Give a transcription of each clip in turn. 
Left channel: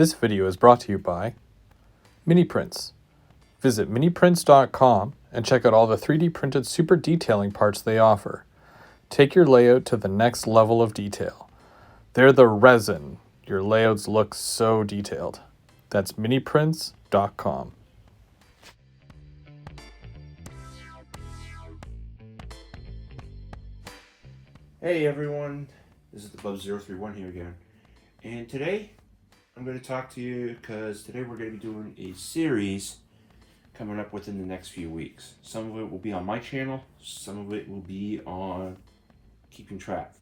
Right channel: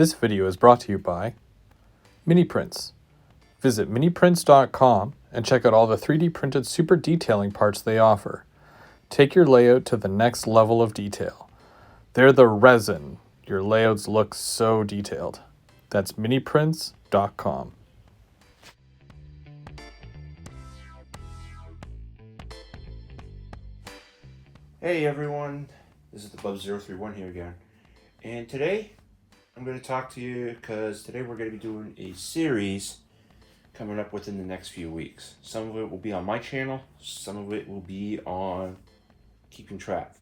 This video is brought to you by Mini Prints. Visit miniprints.com and check out all the 3D printed super detailing parts they offer. Take your layout to the next level of detail. They're the resin. Your layouts look so detailed. That's miniprints.com. Hey everyone, this is the Bubs031 here again, and today I'm going to talk to you because today we're going to be doing a series coming up within the next few weeks. Some of it will be on my channel, some of it will be on Keeping Track.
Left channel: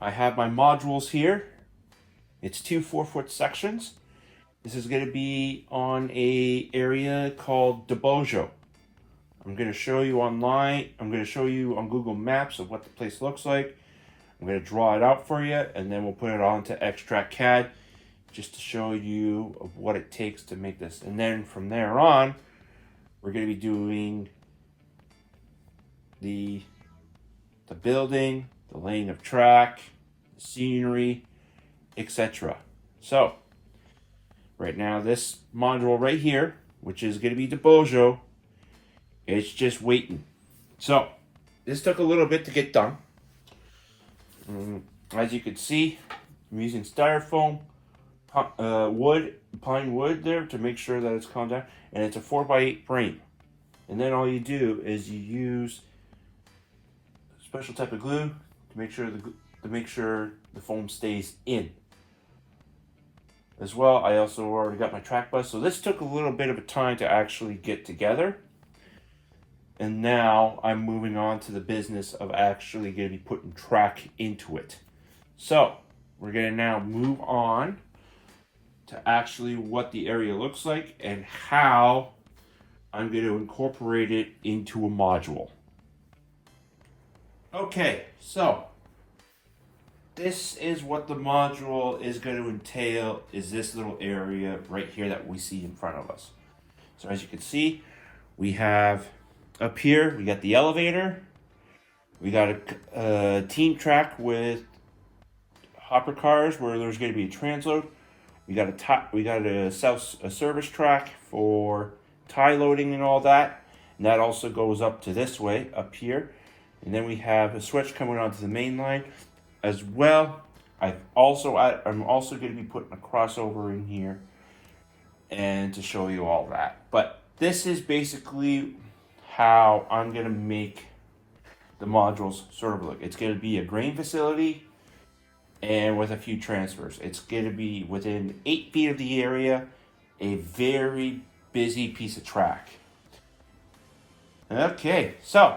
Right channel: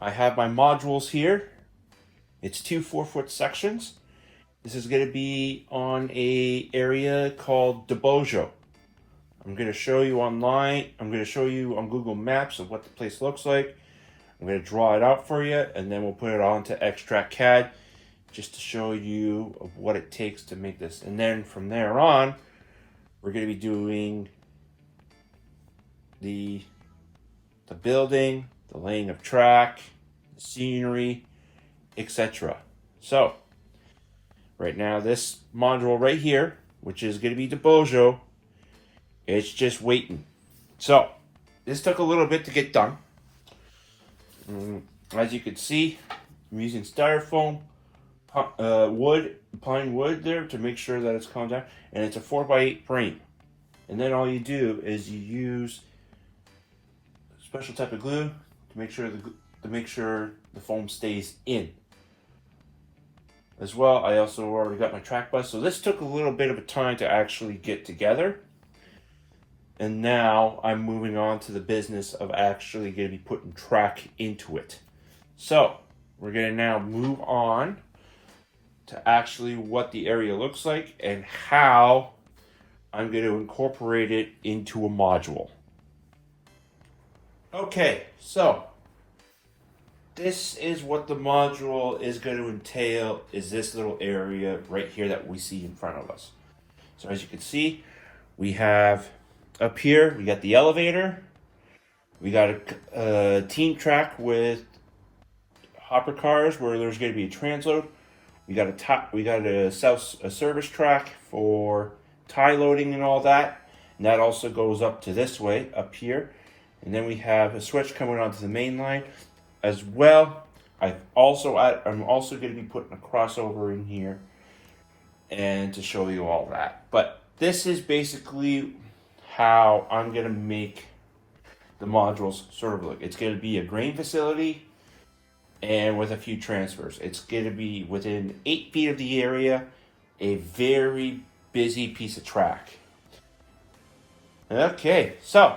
I have my modules here. It's two 4-foot sections. This is going to be on a area called Bubs031. I'm going to show you online. I'm going to show you on Google Maps of what the place looks like. I'm going to draw it out for you, and then we'll put it onto Extract CAD just to show you of what it takes to make this. And then from there on, we're going to be doing the building, the laying of track, the scenery, etc. So right now, this module right here, which is going to be Bubs031, it's just waiting. So this took a little bit to get done. As you can see, I'm using styrofoam, pine wood there to make sure that it's calmed down, and it's a 4x8 frame. And then all you do is you use a special type of glue to make sure the foam stays in. As well, I also already got my track bus, so this took a little bit of a time to actually get together. And now I'm moving on to the business of actually going to be putting track into it. So we're going to now move on to actually what the area looks like and how I'm going to incorporate it into a module. Okay, so this is what the module is going to entail, is this little area right here that we see in front of us. So as you can see, we have up here, we got the elevator, we got a team track with hopper cars where there's going to be a transload. We got a service track for tie loading and all that, and that also goes up to this way up here. And then we have a switch coming onto the main line as well. I'm also going to be putting a crossover in here and to show you all that. But this is basically how I'm going to make the modules sort of look. It's going to be a grain facility and with a few transfers. It's going to be within 8 feet of the area, a very busy piece of track. Okay, so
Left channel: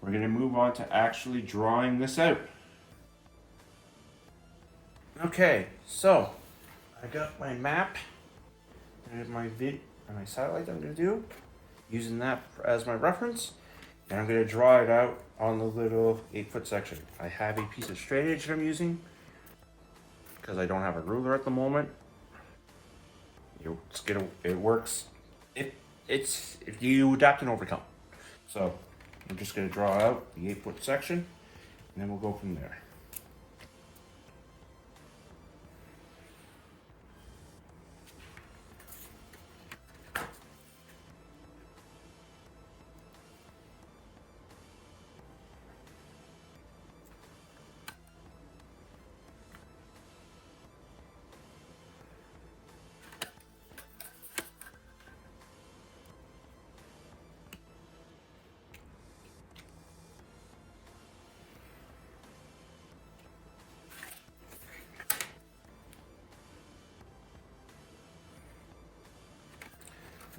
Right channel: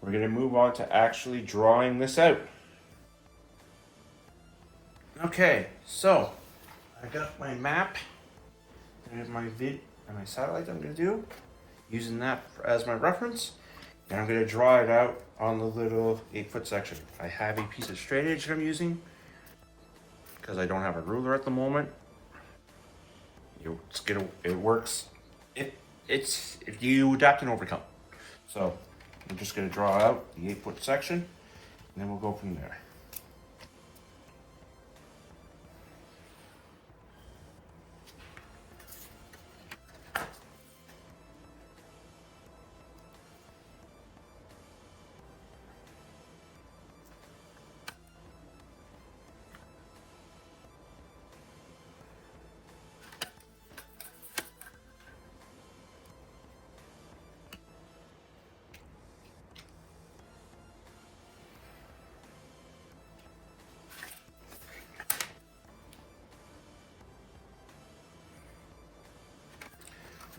we're going to move on to actually drawing this out. Okay, so I got my map. There's my satellite I'm going to do, using that as my reference, and I'm going to draw it out on the little 8-foot section. I have a piece of straight edge that I'm using because I don't have a ruler at the moment. It works. If you adapt and overcome. So I'm just going to draw out the 8-foot section, and then we'll go from there.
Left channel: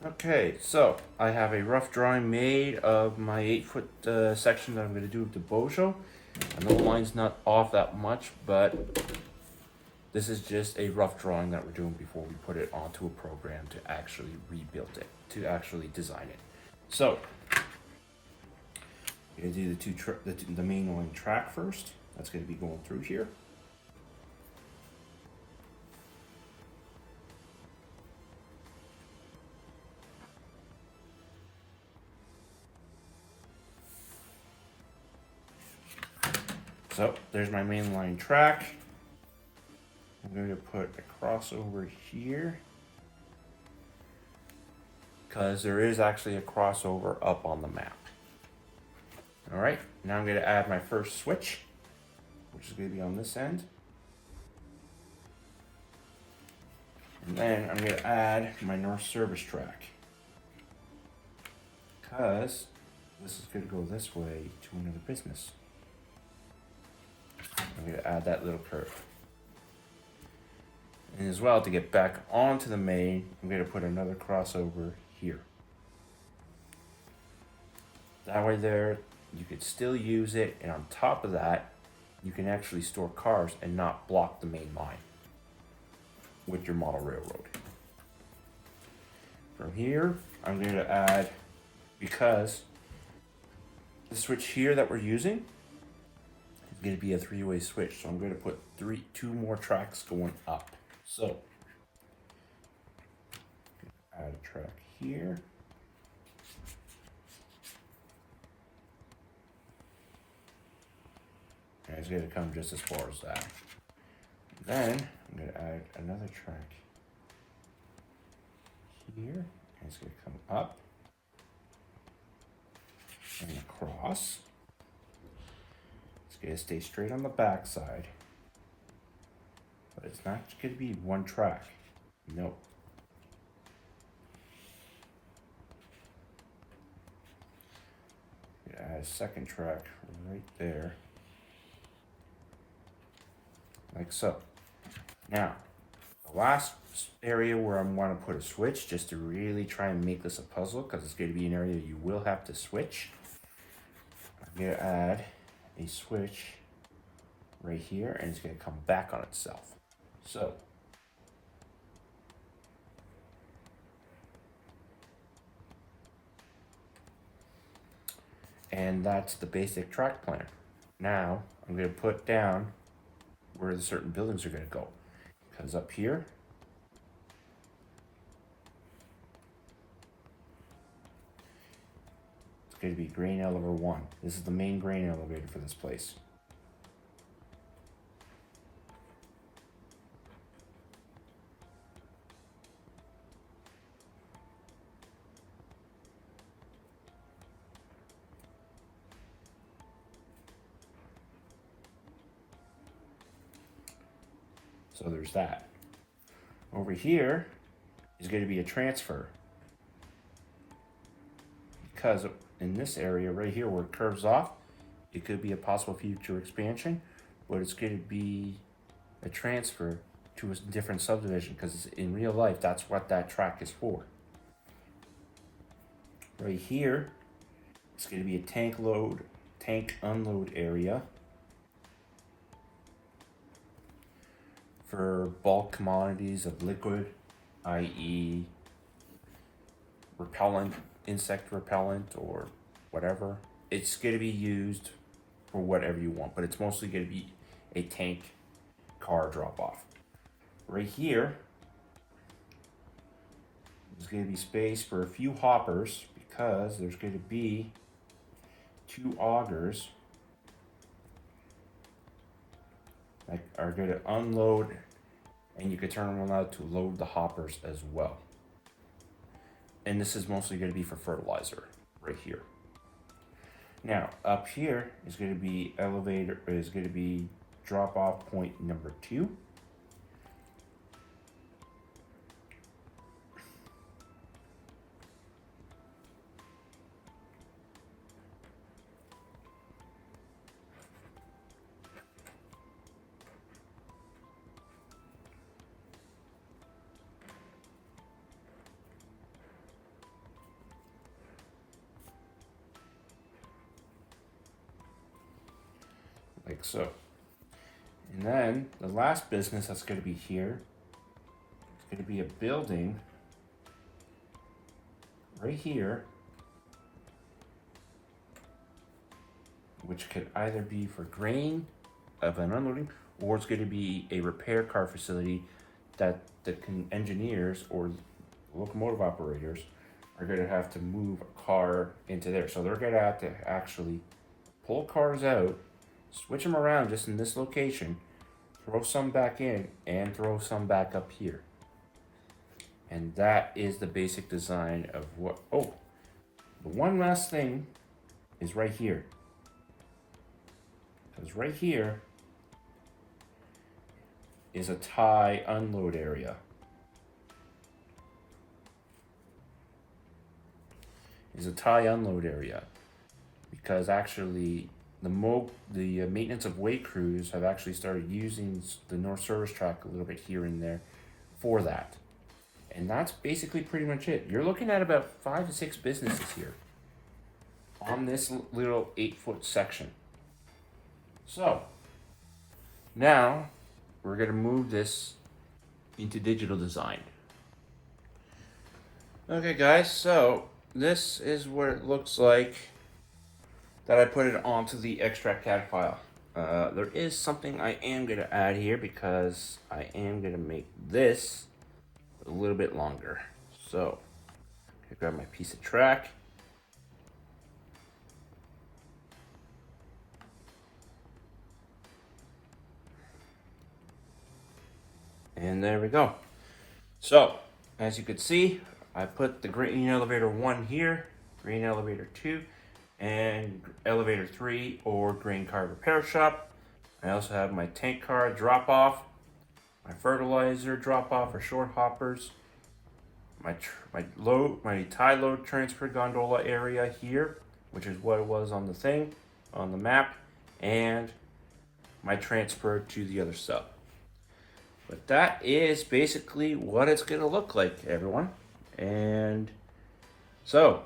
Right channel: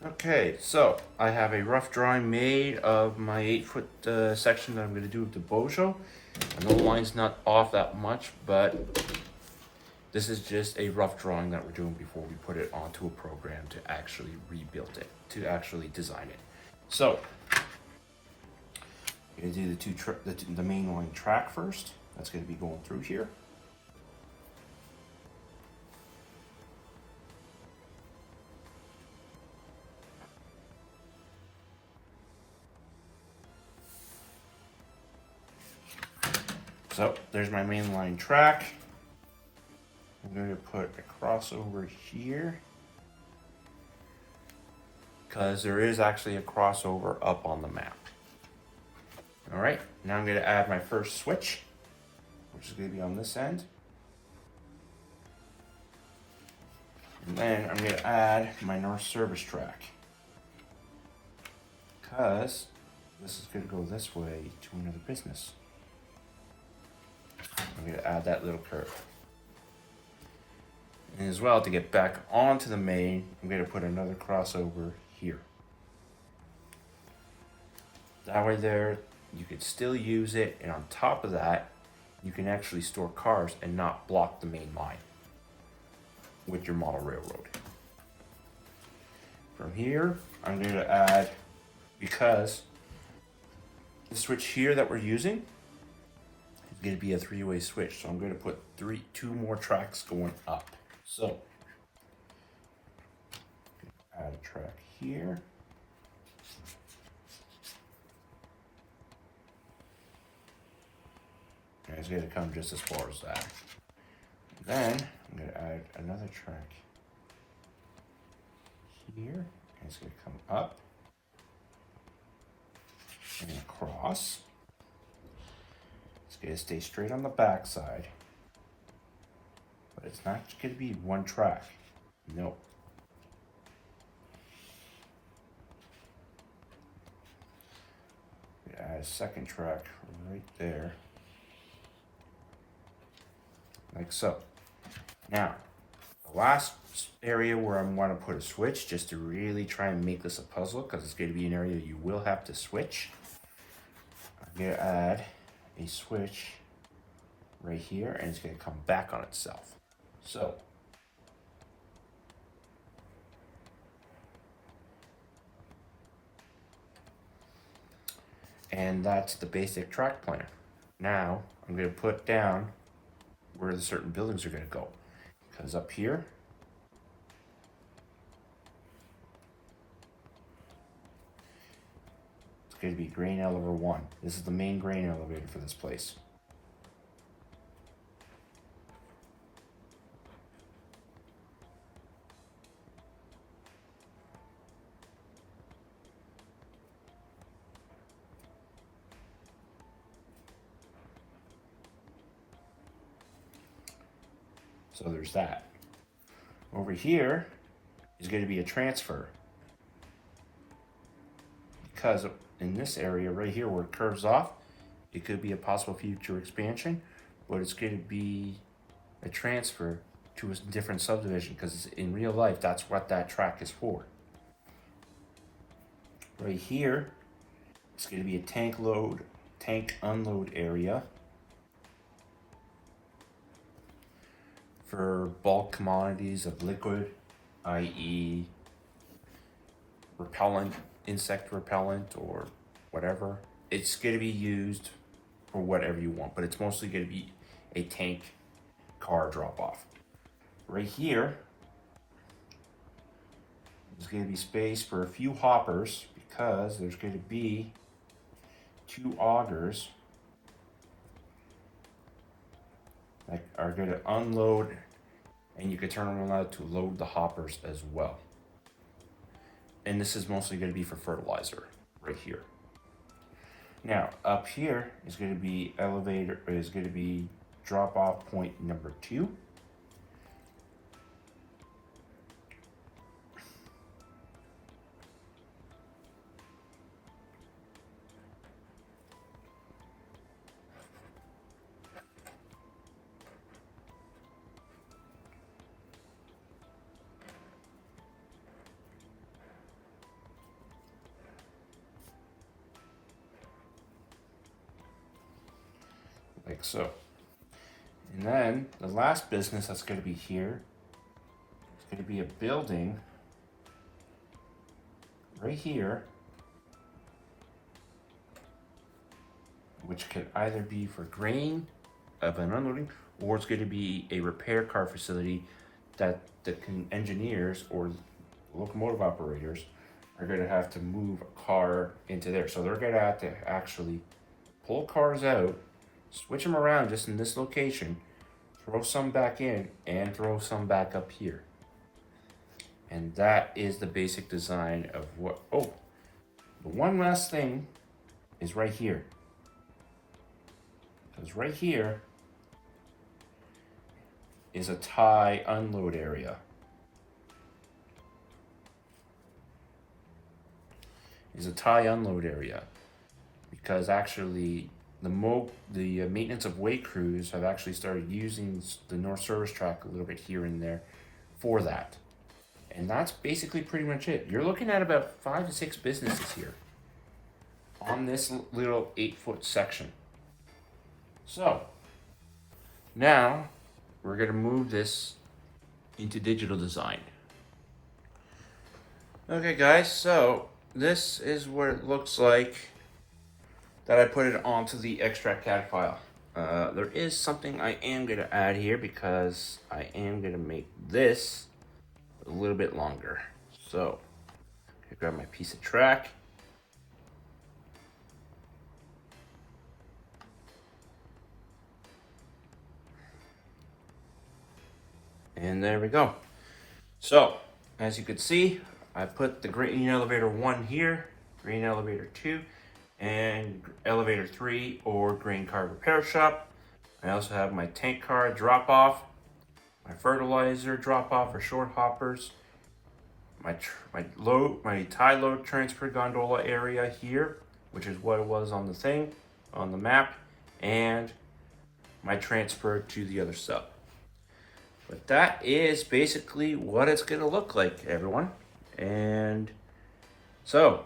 Okay, so I have a rough drawing made of my 8-foot section that I'm going to do with the Bubs031. I know the line's not off that much, but this is just a rough drawing that we're doing before we put it onto a program to actually rebuild it, to actually design it. So we're going to do the main line track first. That's going to be going through here. So there's my main line track. I'm going to put a crossover here, because there is actually a crossover up on the map. All right, now I'm going to add my first switch, which is going to be on this end. And then I'm going to add my north service track, because this is going to go this way to another business. I'm going to add that little curve. And as well, to get back onto the main, I'm going to put another crossover here. That way there, you can still use it, and on top of that, you can actually store cars and not block the main line with your model railroad. From here, I'm going to add, because the switch here that we're using is going to be a three-way switch, so I'm going to put two more tracks going up. So, add a track here. And it's going to come just as far as that. Then, I'm going to add another track here. And it's going to come up and across. It's going to stay straight on the back side. But it's not going to be one track. No. Add a second track right there. Like so. Now, the last area where I want to put a switch, just to really try and make this a puzzle, because it's going to be an area you will have to switch. I'm going to add a switch right here, and it's going to come back on itself. So, and that's the basic track plan. Now, I'm going to put down where the certain buildings are going to go. Because up here, it's going to be grain elevator 1. This is the main grain elevator for this place. So there's that. Over here is going to be a transfer. Because in this area right here where it curves off, it could be a possible future expansion, but it's going to be a transfer to a different subdivision, because in real life, that's what that track is for. Right here, it's going to be a tank unload area for bulk commodities of liquid, i.e. repellent, insect repellent, or whatever. It's going to be used for whatever you want, but it's mostly going to be a tank car drop off. Right here, there's going to be space for a few hoppers, because there's going to be 2 augers that are going to unload, and you can turn them on to load the hoppers as well. And this is mostly going to be for fertilizer right here. Now up here is going to be drop off point number 2. Like so. And then the last business that's going to be here is going to be a building right here, which could either be for grain of an unloading, or it's going to be a repair car facility that the engineers or locomotive operators are going to have to move a car into there. So they're going to have to actually pull cars out, switch them around just in this location, throw some back in, and throw some back up here. And that is the basic design of what, oh, the one last thing is right here. Because right here is a tie unload area. Is a tie unload area. Because actually the maintenance of way crews have actually started using the North Service Track a little bit here and there for that. And that's basically pretty much it. You're looking at about 5 to 6 businesses here on this little 8-foot section. So now we're going to move this into digital design. Okay guys, so this is what it looks like that I put it onto the extract CAD file. There is something I am going to add here because I am going to make this a little bit longer. So I grab my piece of track. And there we go. So as you can see, I put the green elevator 1 here, green elevator 2, and elevator 3 or grain car repair shop. I also have my tank car drop off, my fertilizer drop off or short hoppers, my tie load transfer gondola area here, which is what it was on the thing, on the map, and my transfer to the other sub. But that is basically what it's gonna look like, everyone. And so,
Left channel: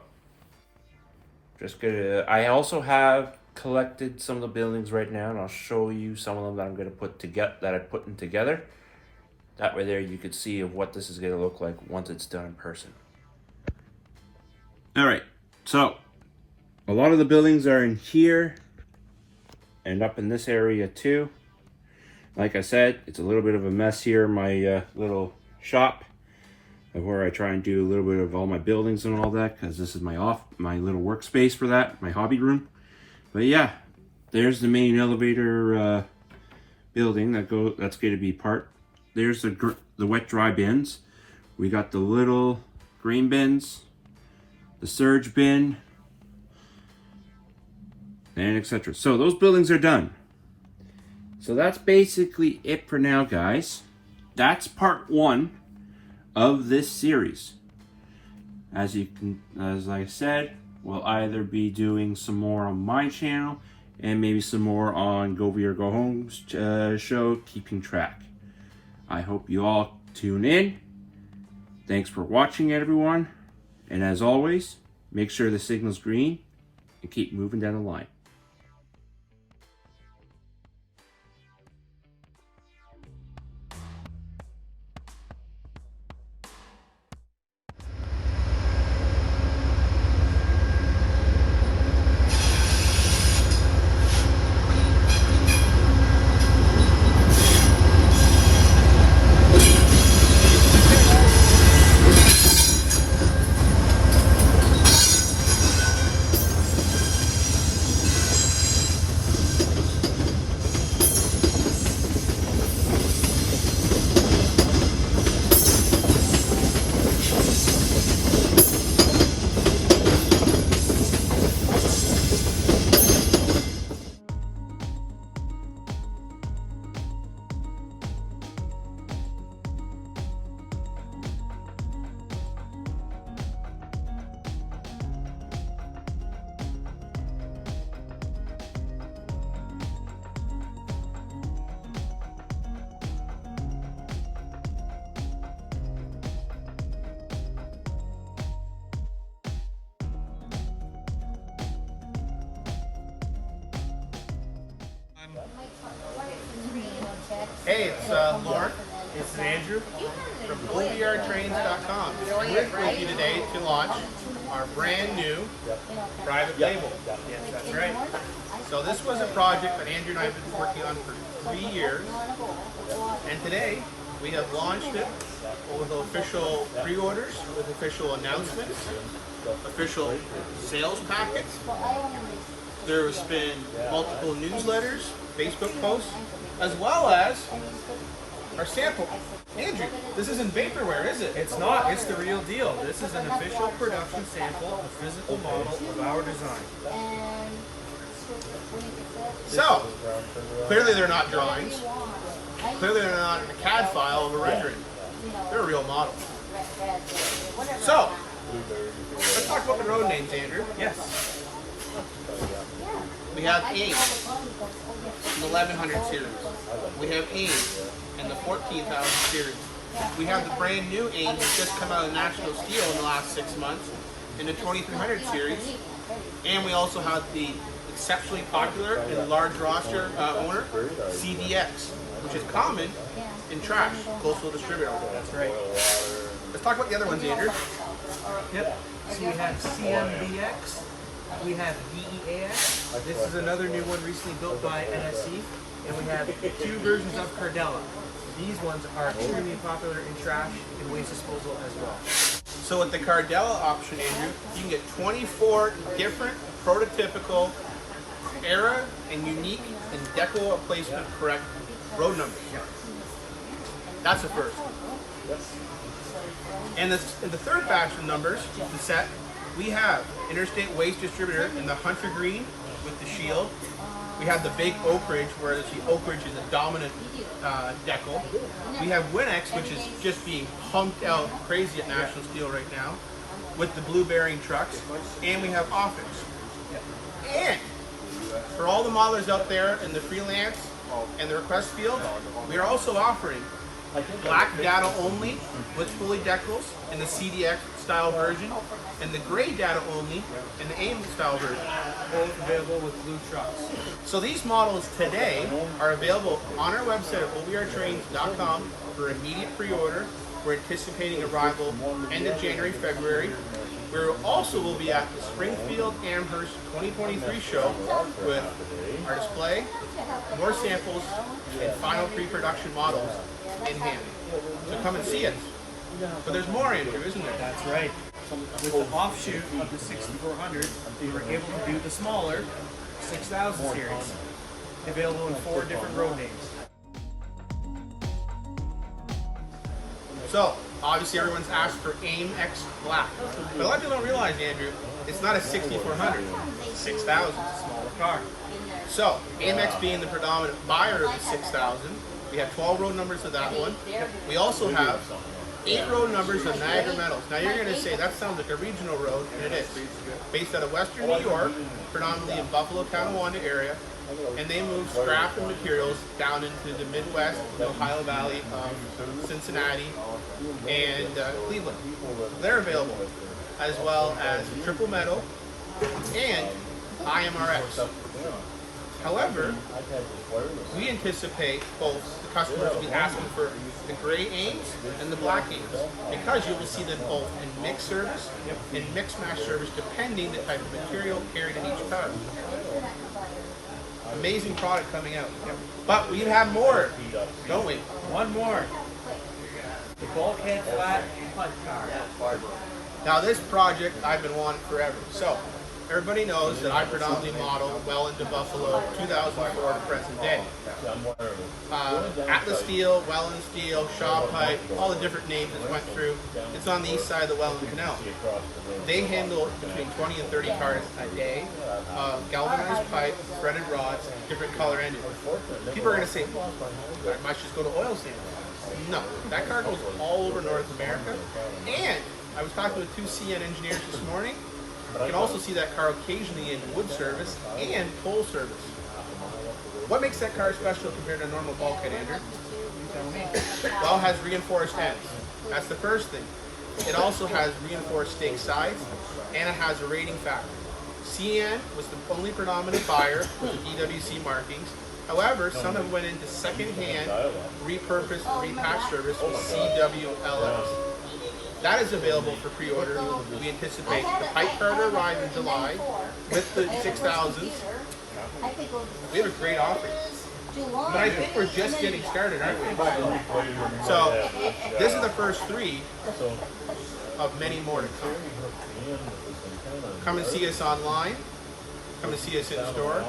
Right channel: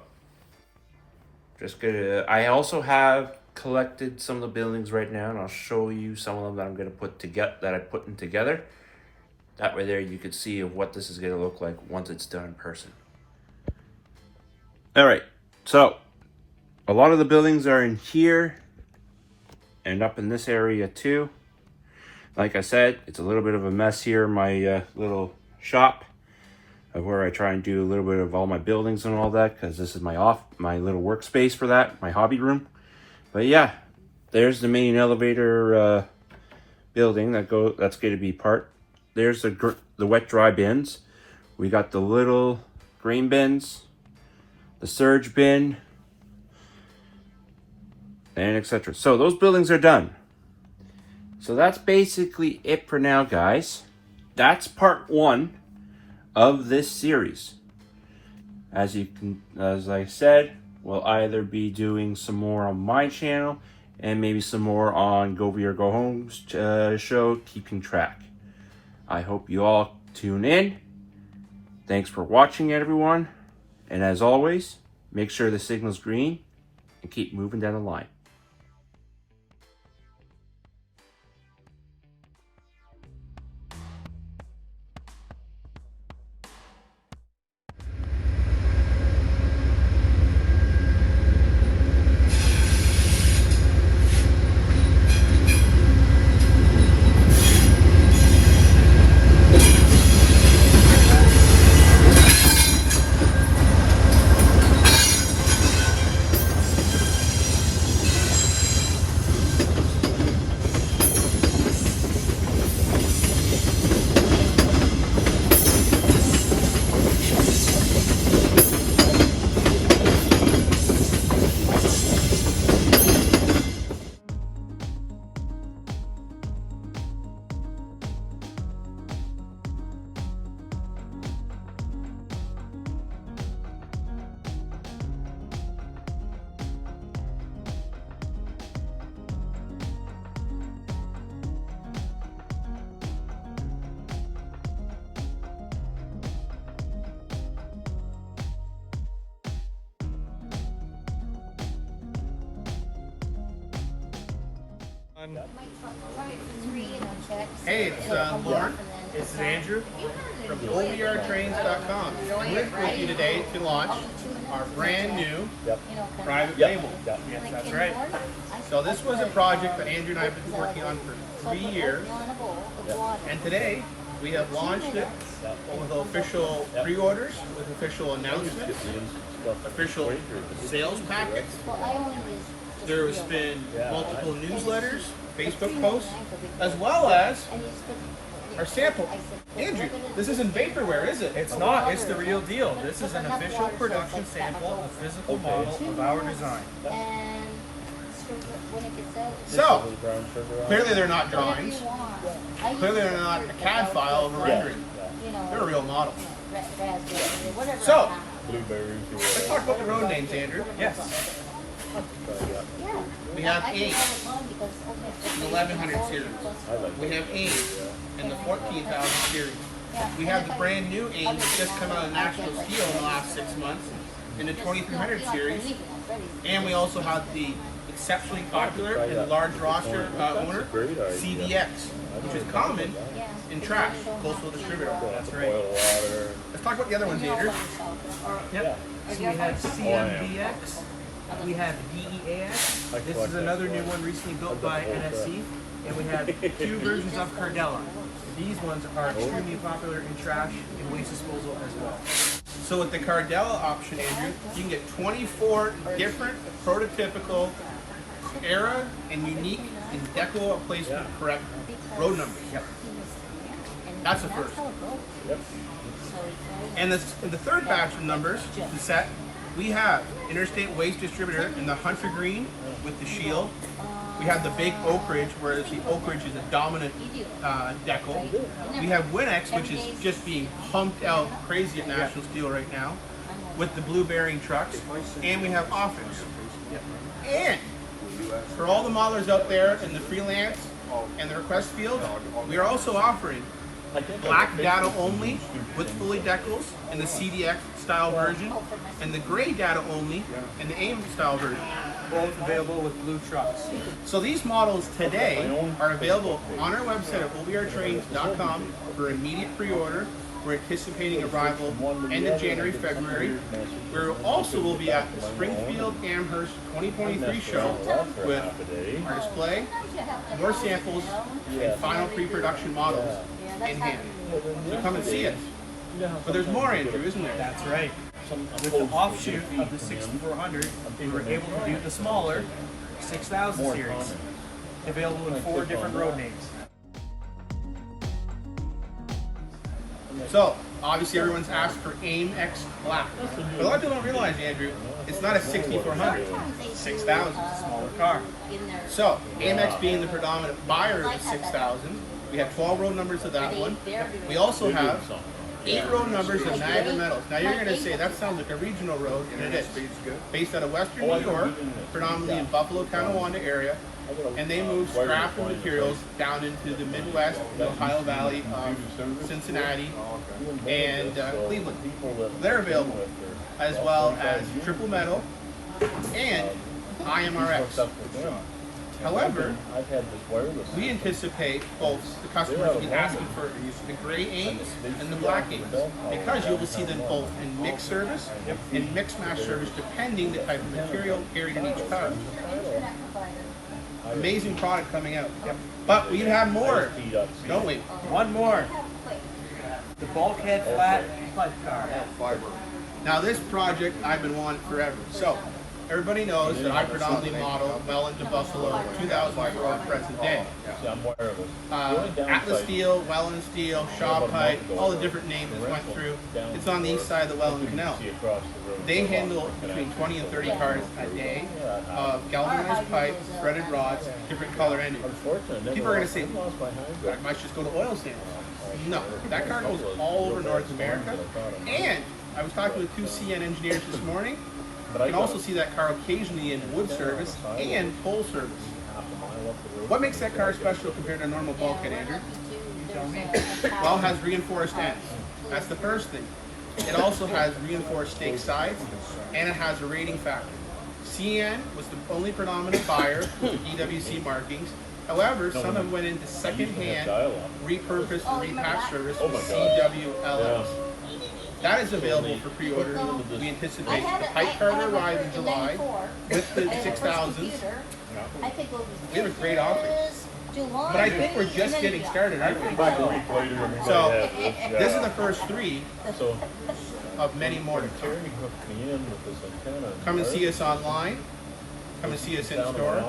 I also have collected some of the buildings right now, and I'll show you some of them that I'm gonna put together, that I put them together. That way there you can see of what this is gonna look like once it's done in person. All right, so a lot of the buildings are in here and up in this area too. Like I said, it's a little bit of a mess here, my little shop of where I try and do a little bit of all my buildings and all that, because this is my little workspace for that, my hobby room. But yeah, there's the main elevator building that's going to be part. There's the wet dry bins. We got the little grain bins, the surge bin, and etc. So those buildings are done. So that's basically it for now, guys. That's part 1 of this series. As I said, we'll either be doing some more on my channel and maybe some more on Go VR Go Home's show, Keeping Track. I hope you all tune in. Thanks for watching, everyone. And as always, make sure the signal's green and keep moving down the line. Hey, it's Lauren. This is Andrew from OVRtrains.com. We're with you today to launch our brand new private label. Yes, that's right. So this was a project that Andrew and I have been working on for 3 years. And today we have launched it with official pre-orders, with official announcements, official sales packets, There has been multiple newsletters, Facebook posts, as well as our sample. Andrew, this isn't vaporware, is it? It's not. It's the real deal. This is an official production sample, a physical model of our design. So, clearly they're not drawings. Clearly they're not a CAD file of a rendering. They're a real model. So, let's talk about the road names, Andrew. Yes. We have AIM in the 1100 series. We have AIM in the 14,000 series. We have the brand new AIM that's just come out of National Steel in the last 6 months in the 2300 series. And we also have the exceptionally popular and large roster owner, CDX, which is common in Trash, coastal distributor. That's right. Let's talk about the other ones, Andrew. Yep. So we have CMBX. We have DEAX. This is another new one recently built by NSC. And we have 2 versions of Cardella. These ones are extremely popular in trash and waste disposal as well. So with the Cardella option, Andrew, you can get 24 different prototypical era and unique and deco placement correct road numbers. Yep. That's the first. And in the third batch of numbers, the set, we have Interstate Waste Distributor in the Hunter Green with the shield. We have the big Oak Ridge, whereas the Oak Ridge is a dominant decal. We have Winex, which is just being pumped out crazy at National Steel right now, with the blue bearing trucks. And we have Offix. Yep. And for all the modelers out there in the freelance and the request field, we are also offering black data only with fully decals in the CDX style version, and the gray data only in the AIM style version. Both available with blue trucks. So these models today are available on our website at OVRtrains.com for immediate pre-order. We're anticipating arrival end of January, February. We also will be at the Springfield Amherst 2023 show with our display, more samples, and final pre-production models in hand. So come and see us. But there's more, Andrew, isn't there? That's right. With the offshoot of the 6400, we were able to do the smaller 6000 series, available in 4 different road names. So, obviously everyone's asked for AIM X Black. But a lot of people don't realize, Andrew, it's not a 6400, 6000. Smaller car. So, AIM X being the predominant buyer of the 6000, we have 12 road numbers of that one. We also have 8 road numbers of Niagara Metals. Now you're going to say, that sounds like a regional road, and it is. Based out of Western New York, predominantly in Buffalo, Tonawanda area, and they move scrap and materials down into the Midwest, the Ohio Valley, Cincinnati, and Cleveland. They're available, as well as triple metal and IMRX. However, we anticipate both the customers will be asking for the gray AIMs and the black AIMs, because you'll see them both in mixed service and mixed match service, depending the type of material carried in each car. Amazing product coming out. But we have more, don't we? One more. The bulkhead flat pipe car. Now this project I've been wanting forever. So everybody knows that I predominantly model well into Buffalo 2004 to present day. Atlas Steel, Welland Steel, Shaw Pipe, all the different names that went through. It's on the east side of the Welland Canal. They handle between 20 and 30 cars a day of galvanized pipe, threaded rods, different color engines. People are going to say, I might just go to oil sand. No, that car goes all over North America. And I was talking with 2 CN engineers this morning. You can also see that car occasionally in wood service and toll service. What makes that car special compared to a normal bulkhead, Andrew? You tell me. Well, it has reinforced ends. That's the first thing. It also has reinforced stake sides, and it has a rating factor. CN was the only predominant buyer with the DWC markings. However, some have went into second-hand, repurposed, and repatched service with CWLS. That is available for pre-order. We anticipate the pipe car to arrive in July with the 6000s. We have a great offering. But I think we're just getting started, aren't we? So, this is the first 3 of many more to come. Come and see us online. come and see us in store.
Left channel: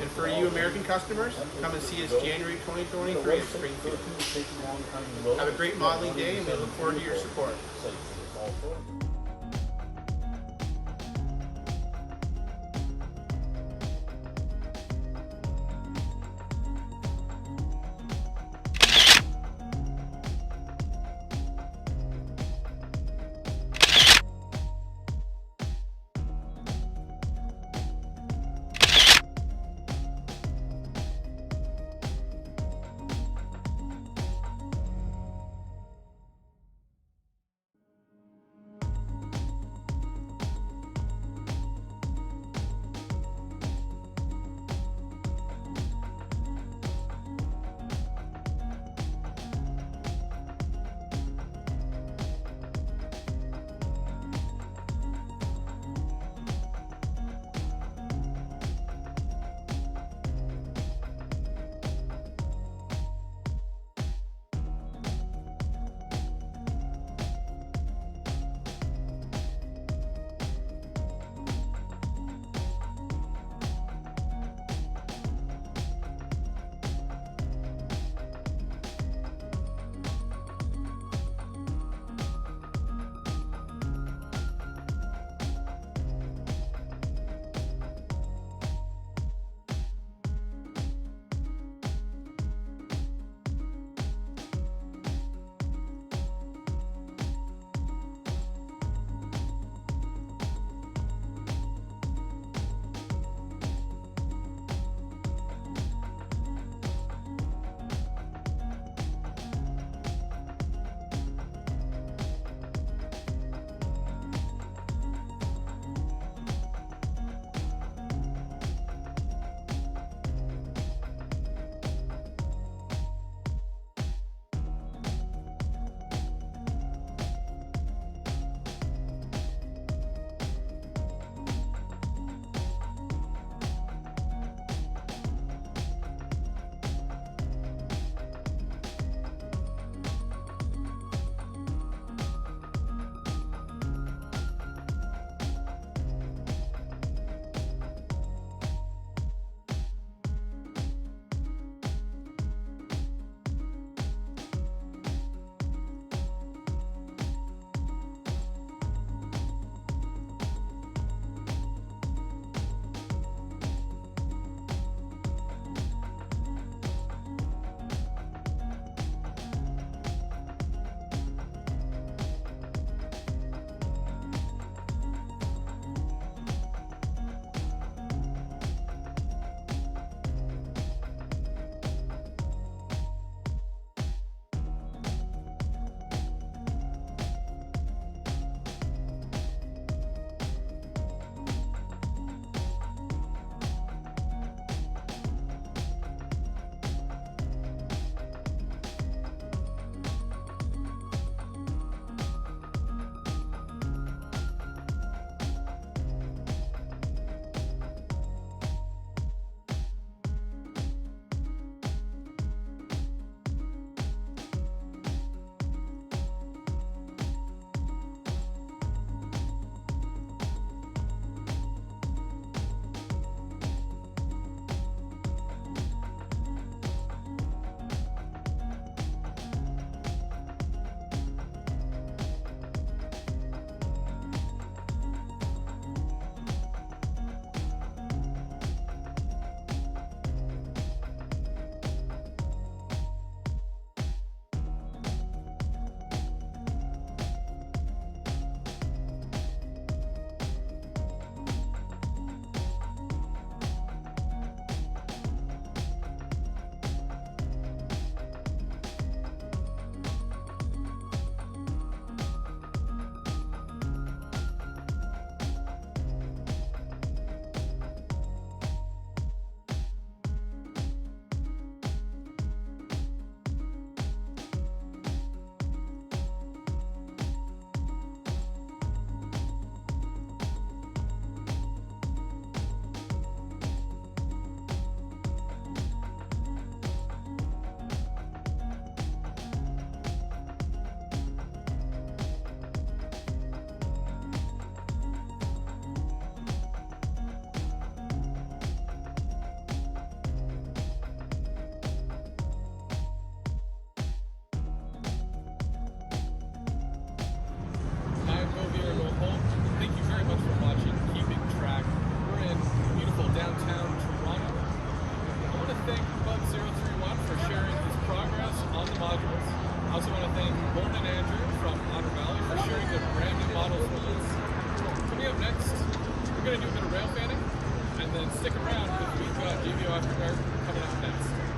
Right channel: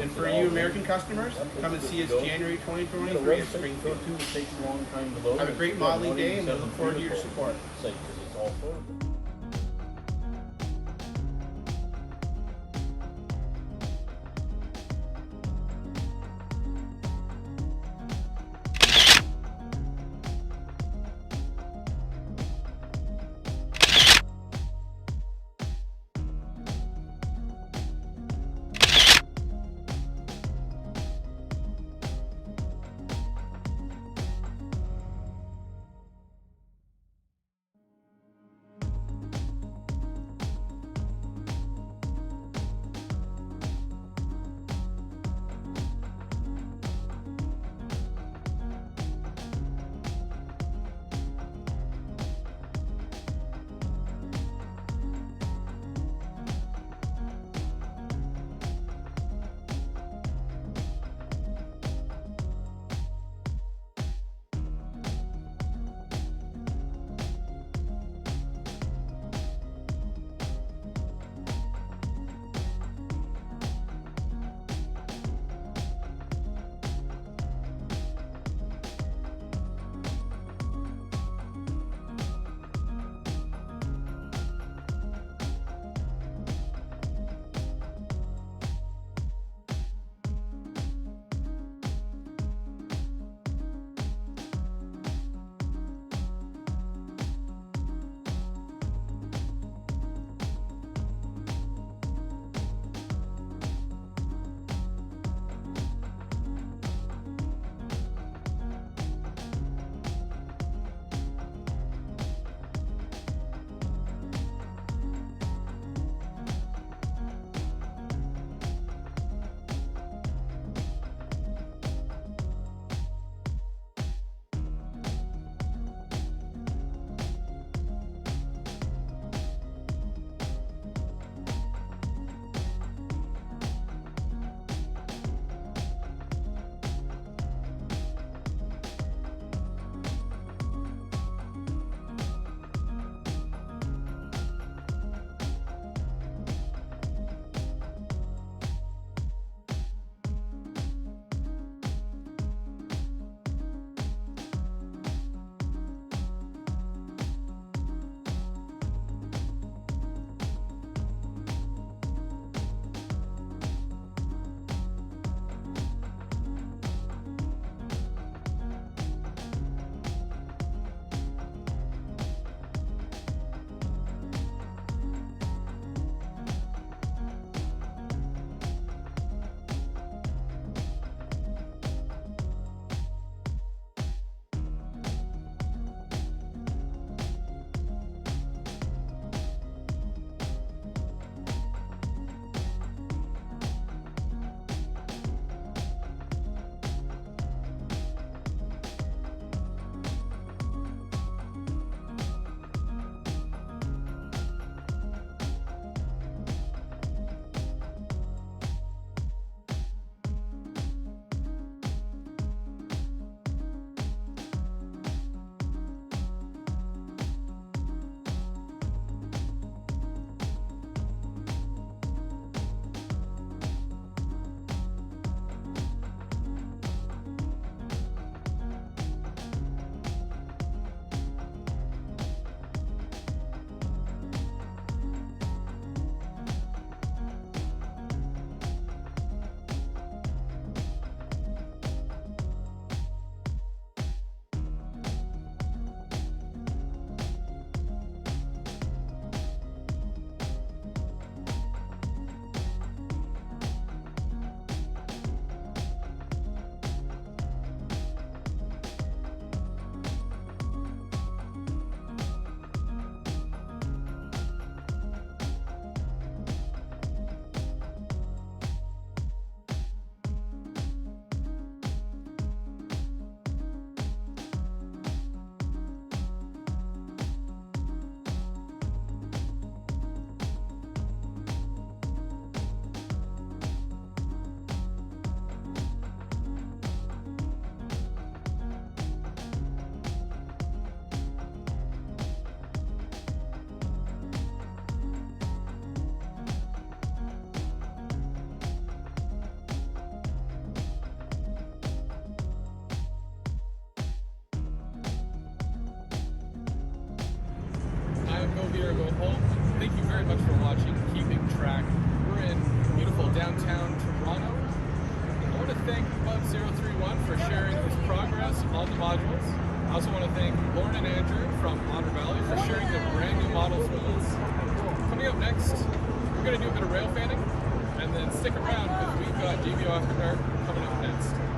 And for you American customers, come and see us January 2023 at Springfield. Have a great modeling day, and we look forward to your support. or go home. Thank you very much for watching Keeping Track. We're in beautiful downtown Toronto. I want to thank Bubs031 for sharing his progress on the modules. I also want to thank Lauren and Andrew from Otter Valley for sharing their brand new models with us. Coming up next, we're going to do a bit of rail fanning, and then stick around because we've got JBO After Dark coming up next.